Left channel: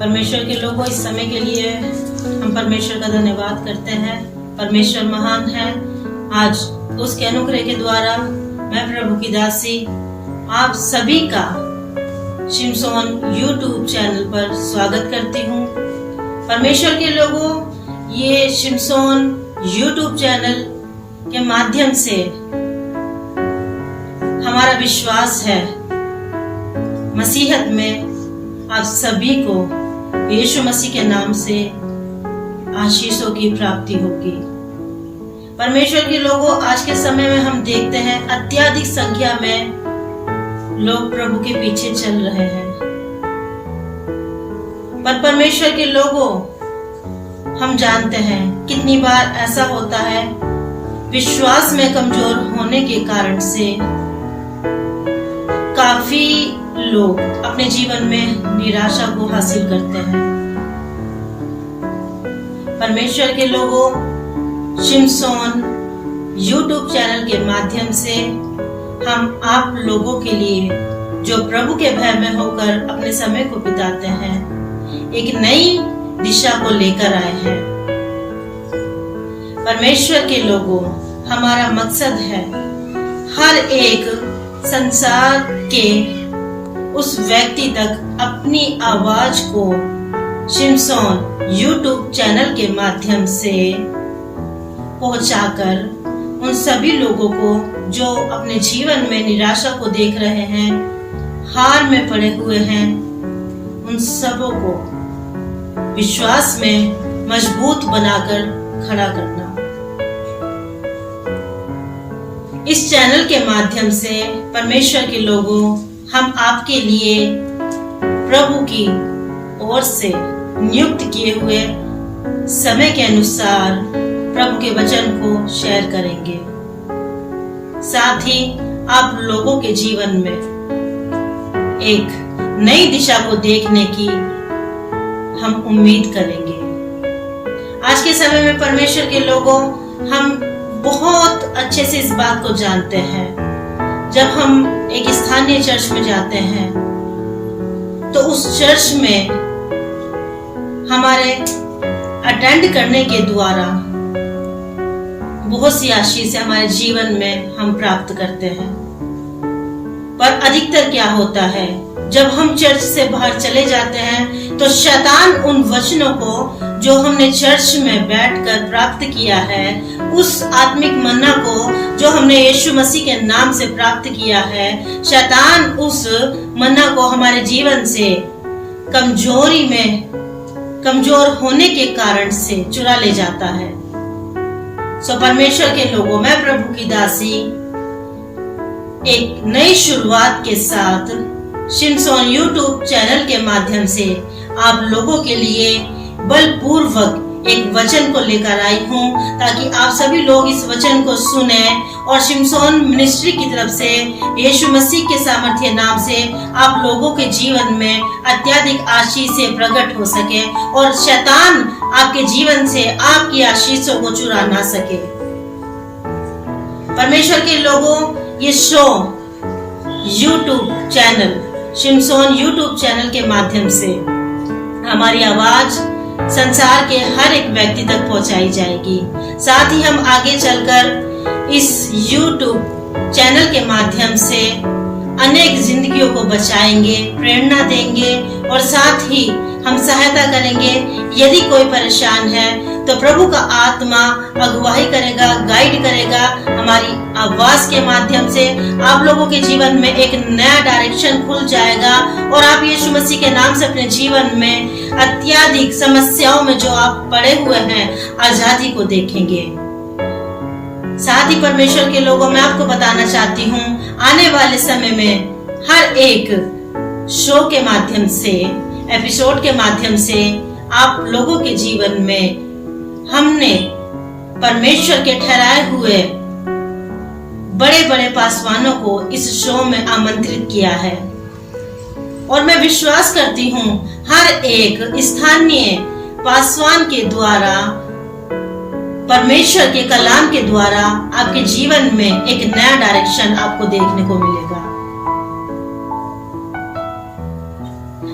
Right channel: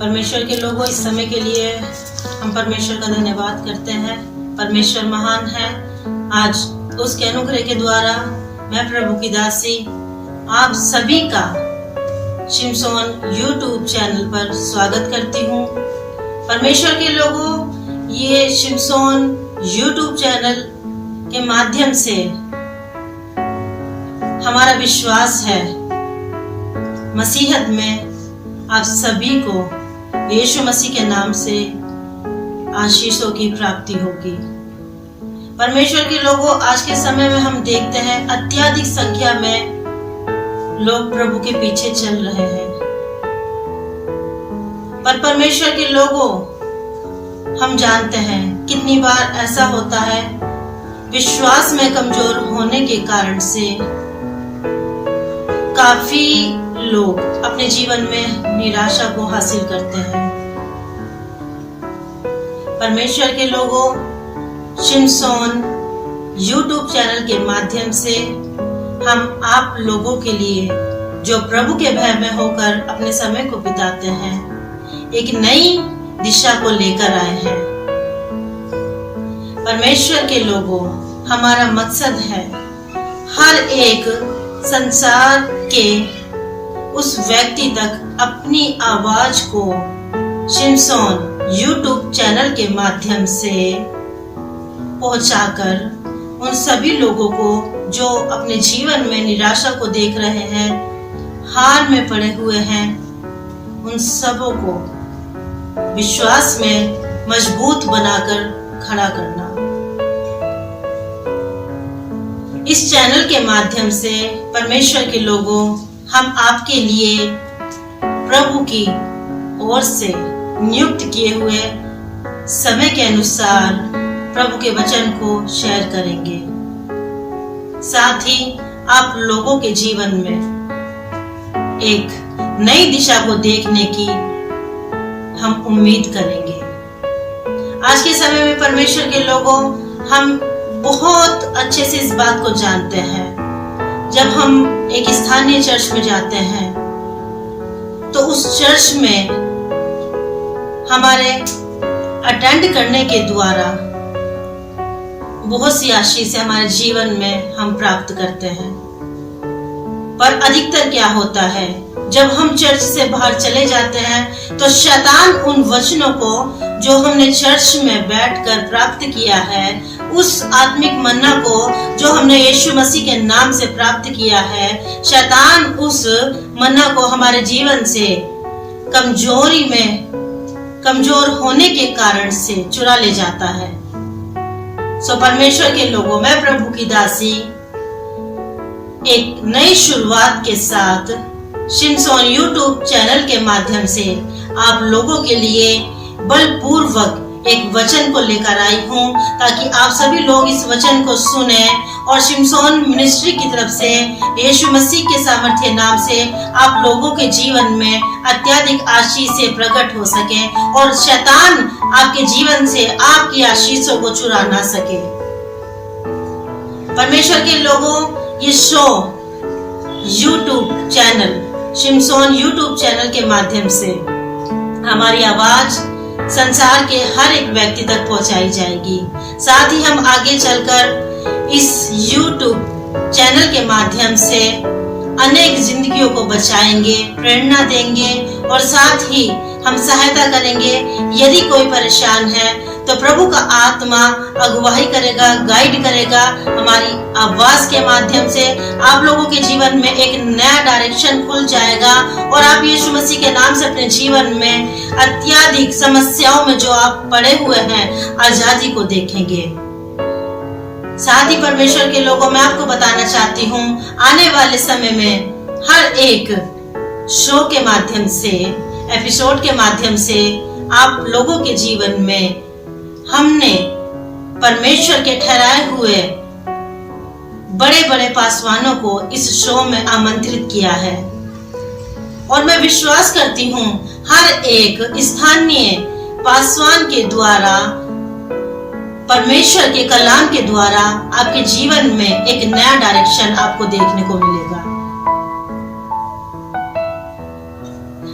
परमेश्वर के लोगों, इस समय के लिए हम परमेश्वर का धन्यवाद करते हैं। परमेश्वर महान है। आज उसके अनुग्रह के द्वारा मैं प्रभु की दासी आप सभी का शिमशोन यूट्यूब चैनल पर स्वागत करती हूँ। परमेश्वर के लोगों, ये शिमशोन यूट्यूब चैनल के माध्यम से हमारा विश्वास है मसीहत में आप सभी को यीशु मसीह के नाम से आशीषों की प्राप्ति होगी। परमेश्वर के लोगों, आज के समय में हम देखते हैं अत्यधिक संख्या में लोग प्रभु के पीछे चल रहे हैं। पर परमेश्वर के लोगों, हम जानते हैं कितनी बार ऐसा होता है विश्वास में कमजोर होने के कारण से काफी लोग अपने जीवन में निराशा को हासिल करते हैं। परमेश्वर के लोगों, शिमशोन यूट्यूब चैनल के माध्यम से हम आप लोगों के लिए जो प्रभु के भय में होकर अपने समय को बिताते हैं, एक नई दिशा को लेकर आए हैं। परमेश्वर के लोगों, हमारा मकसद है हर एक संसार के उस व्यक्ति तक अपनी आवाज को शिमशोन यूट्यूब चैनल के माध्यम से पहुंचाकर उन सभी लोगों को जो अपने जीवन में निराशा को देख रहे हैं, हार में पड़े हुए हैं, उन सबों को विश्वास में मजबूत बनाकर खड़ा करना। इस चैनल के माध्यम से परमेश्वर के लोगों, हम आपके लिए प्रभु की ओर से नियुक्त किए हुए समय के अनुसार प्रभु के वचन को शेयर करेंगे। साथ ही आप लोगों के जीवन में एक नई दिशा को देखने की हम उम्मीद करेंगे। आज के समय में परमेश्वर के लोगों, हम बहुत अच्छे से इस बात को जानते हैं, जब हम एक स्थानीय चर्च में जाते हैं तो उस चर्च में हमारे अटेंड करने के द्वारा बहुत सी आशीष हमारे जीवन में हम प्राप्त करते हैं। पर अधिकतर क्या होता है, जब हम चर्च से बाहर चले जाते हैं तो शैतान उन वचनों को जो हमने चर्च में बैठकर प्राप्त किया है, उस आत्मिक मन्ना को जो हमने यीशु मसीह के नाम से प्राप्त किया है, शैतान उस मन्ना को हमारे जीवन से कमजोर होने के कारण से चुरा ले जाता है। सो परमेश्वर के लोगों, मैं प्रभु की दासी एक नई शुरुआत के साथ शिमशोन यूट्यूब चैनल के माध्यम से आप लोगों के लिए बलपूर्वक एक वचन को लेकर आई हूँ, ताकि आप सभी लोग इस वचन को सुने और शिमशोन मिनिस्ट्री की तरफ से यीशु मसीह के सामर्थ्य नाम से आप लोगों के जीवन में अत्यधिक आशीष से प्रकट हो सके और शैतान आपके जीवन से आपकी आशीषों को चुरा ना सके। परमेश्वर के लोगों, ये शो यूट्यूब चैनल शिमशोन यूट्यूब चैनल के माध्यम से हमारी आवाज संसार के हर एक व्यक्ति तक पहुंचाई जाएगी। साथ ही हम आगे चलकर इस YouTube चैनल के माध्यम से अनेक जिंदगियों को बचाएंगे, प्रेरणा देंगे और साथ ही हम सहायता करेंगे। यदि कोई परेशान है तो प्रभु का आत्मा अगुवाई करेगा, गाइड करेगा। हमारी आवाज के माध्यम से आप लोगों के जीवन में एक नया डायरेक्शन खुल जाएगा और आप यीशु मसीह के नाम से अपने जीवन में अत्यधिक समस्याओं में जो आप पड़े हुए हैं, आजादी को देखेंगे। साथ ही परमेश्वर के लोगों, मैं आपको बताना चाहती हूँ, आने वाले समय में हर एक शो के माध्यम से, एपिसोड के माध्यम से आप लोगों के जीवन में हमने परमेश्वर के ठहराए हुए बड़े बड़े पासवानों को इस शो में आमंत्रित किया है और मैं विश्वास करती हूँ हर एक स्थानीय पासवान के द्वारा, परमेश्वर के कलाम के द्वारा आपके जीवन में एक नया डायरेक्शन आपको देखने को मिलेगा।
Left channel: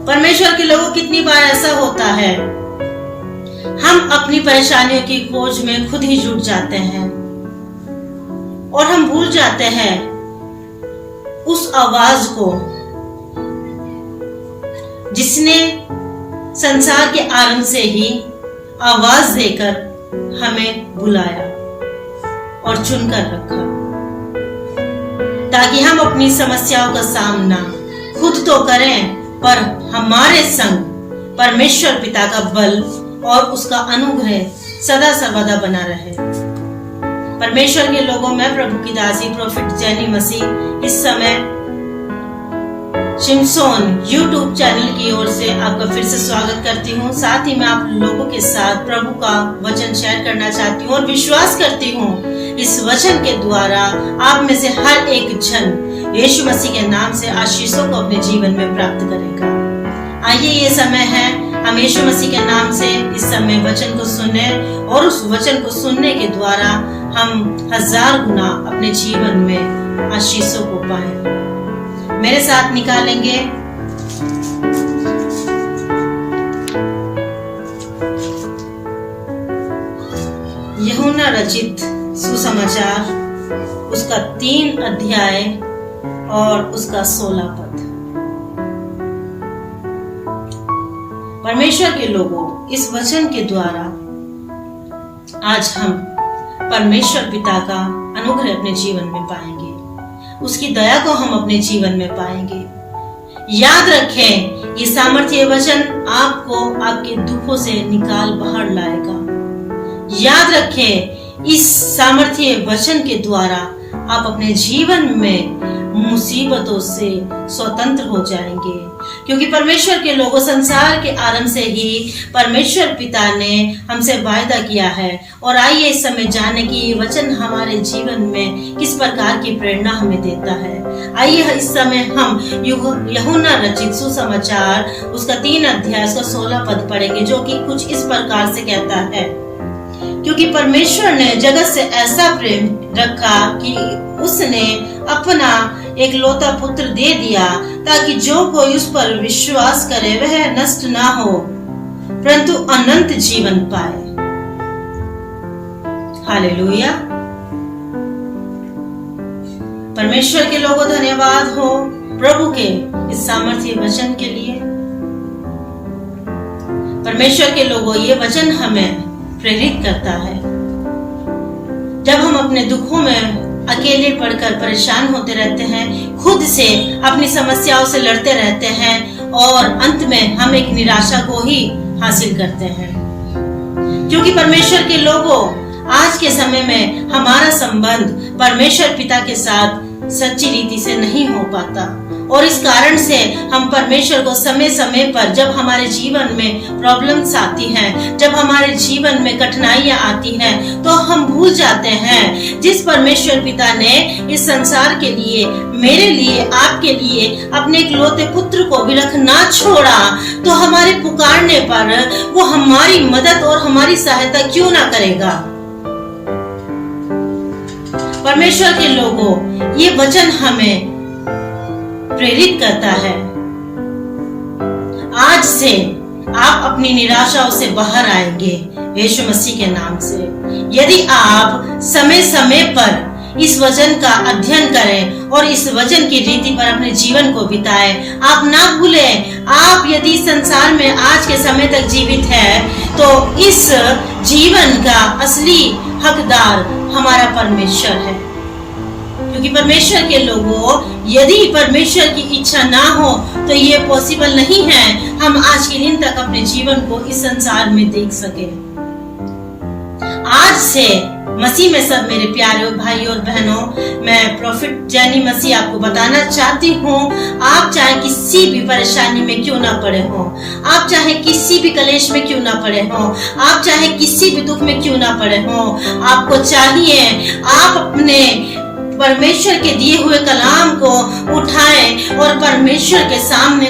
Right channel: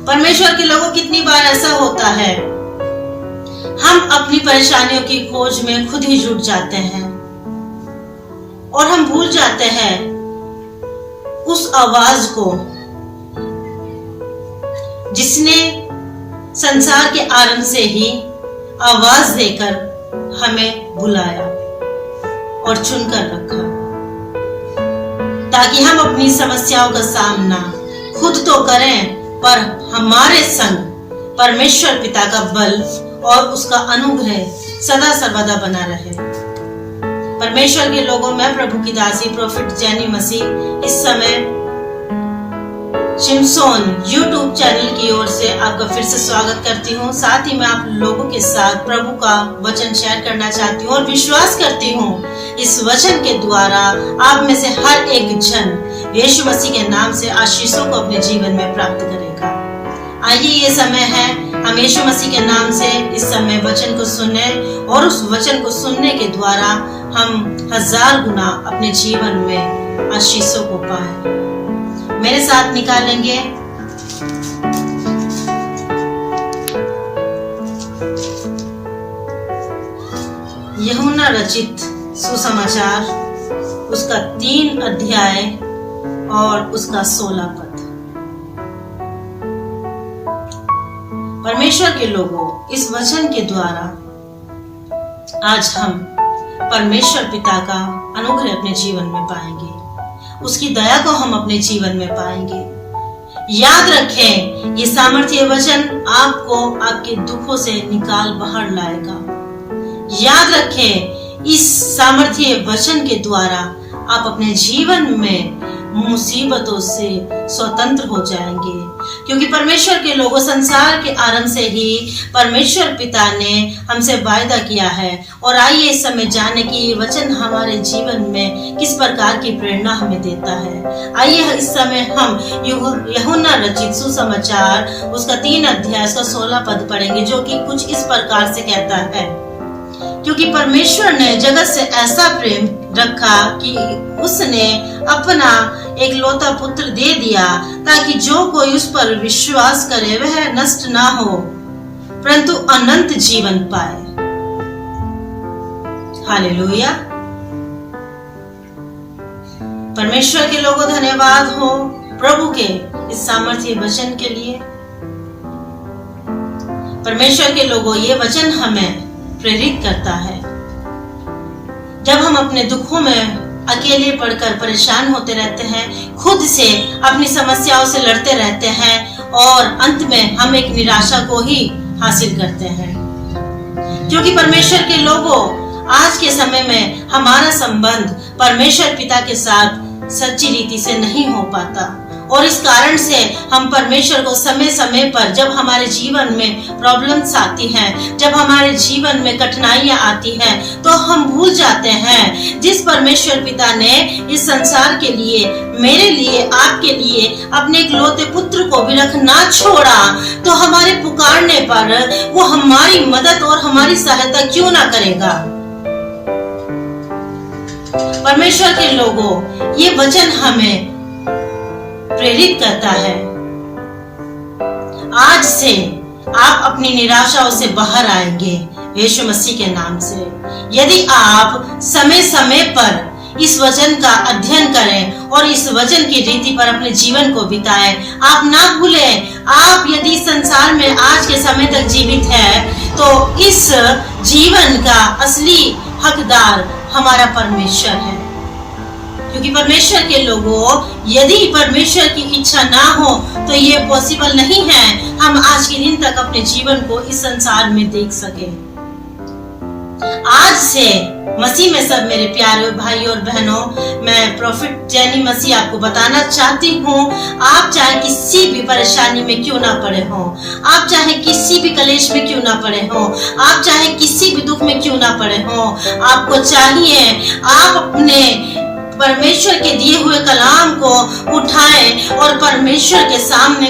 परमेश्वर के लोगों, कितनी बार ऐसा होता है, हम अपनी परेशानियों की खोज में खुद ही जुट जाते हैं और हम भूल जाते हैं उस आवाज को जिसने संसार के आरंभ से ही आवाज देकर हमें बुलाया और चुनकर रखा, ताकि हम अपनी समस्याओं का सामना खुद तो करें, पर हमारे संग परमेश्वर पिता का बल और उसका अनुग्रह सदा सर्वदा बना रहे। परमेश्वर के लोगों में प्रभु की दासी प्रोफेट जेनी मसीह इस समय शिमशोन यूट्यूब चैनल की ओर से आपका फिर से स्वागत करती हूँ। साथ ही मैं आप लोगों के साथ प्रभु का वचन शेयर करना चाहती हूँ और विश्वास करती हूँ इस वचन के द्वारा आप में से हर एक जन यीशु मसीह के नाम से आशीषों को अपने जीवन में प्राप्त करेगा। आइए, ये समय है हम यीशु मसीह के नाम से इस समय वचन को सुने और उस वचन को सुनने के द्वारा हम 1000 गुना अपने जीवन में आशीषों को पाएं। मेरे साथ निकालेंगे यूहन्ना रचित सुसमाचार, उसका 3 अध्याय और उसका 16 पद। परमेश्वर के लोगों, इस वचन के द्वारा आज हम परमेश्वर पिता का अनुग्रह अपने जीवन में पाएंगे, उसकी दया को हम अपने जीवन में पाएंगे। याद रखें, ये सामर्थ्य वचन आपको आपके दुखों से निकाल बाहर लाएगा। याद रखें, इस सामर्थ्य वचन के द्वारा आप अपने जीवन में मुसीबतों से स्वतंत्र हो जाएंगे, क्योंकि परमेश्वर के लोगों, संसार के आरंभ से ही परमेश्वर पिता ने हमसे वायदा किया है। और आइए इस समय जाने कि ये वचन हमारे जीवन में किस प्रकार की प्रेरणा हमें देता है। आइए इस समय हम यूहन्ना रचित सुसमाचार, उसका 3 अध्याय, उसका 16 पद पढ़ेंगे, जो कि कुछ इस प्रकार से कहता है, क्योंकि परमेश्वर ने जगत से ऐसा प्रेम रखा कि उसने अपना एकलौता पुत्र दे दिया, ताकि जो कोई उस पर विश्वास करे वह नष्ट ना हो, परंतु अनंत जीवन पाए। हालेलुया। परमेश्वर के लोगों, धन्यवाद हो प्रभु के इस सामर्थ्य वचन के लिए। परमेश्वर के लोगों, ये वचन हमें प्रेरित करता है। जब हम अपने दुखों में अकेले पड़कर परेशान होते रहते हैं, खुद से अपनी समस्याओं से लड़ते रहते हैं और अंत में हम एक निराशा को ही हासिल करते हैं, क्योंकि परमेश्वर के लोगों, आज के समय में हमारा संबंध परमेश्वर पिता के साथ सच्ची रीति से नहीं हो पाता, और इस कारण से हम परमेश्वर को समय समय पर, जब हमारे जीवन में प्रॉब्लम्स आती हैं, जब हमारे जीवन में कठिनाइयां आती हैं, तो हम भूल जाते हैं जिस परमेश्वर पिता ने इस संसार के लिए, मेरे लिए, आपके लिए अपने इकलौते पुत्र को भी रखना छोड़ा, तो हमारे पुकारने पर वो हमारी मदद और हमारी सहायता क्यों ना करेगा। परमेश्वर के लोगों, ये वचन हमें प्रेरित करता है। आज से आप अपनी निराशाओं से बाहर आएंगे यीशु मसीह के नाम से, यदि आप समय समय पर इस वचन का अध्ययन करें और इस वचन की रीति पर अपने जीवन को बिताएं। आप ना भूलें, आप यदि संसार में आज के समय तक जीवित है, तो इस जीवन का असली हकदार हमारा परमेश्वर है, क्योंकि परमेश्वर के लोगों, यदि परमेश्वर की इच्छा ना हो तो ये पॉसिबल नहीं है हम आज के दिन तक अपने जीवन को इस संसार में देख सके। आज से मसीह में सब मेरे प्यारे भाई और बहनों, मैं प्रोफेट जेनी मसीह आपको बताना चाहती हूँ, आप चाहे किसी भी परेशानी में क्यों ना पड़े हो, आप चाहे किसी भी कलेश में क्यों ना पड़े हो, आप चाहे किसी भी दुख में क्यों ना पड़े हो, आपको चाहिए आप अपने परमेश्वर के दिए हुए कलाम को उठाएं और परमेश्वर के सामने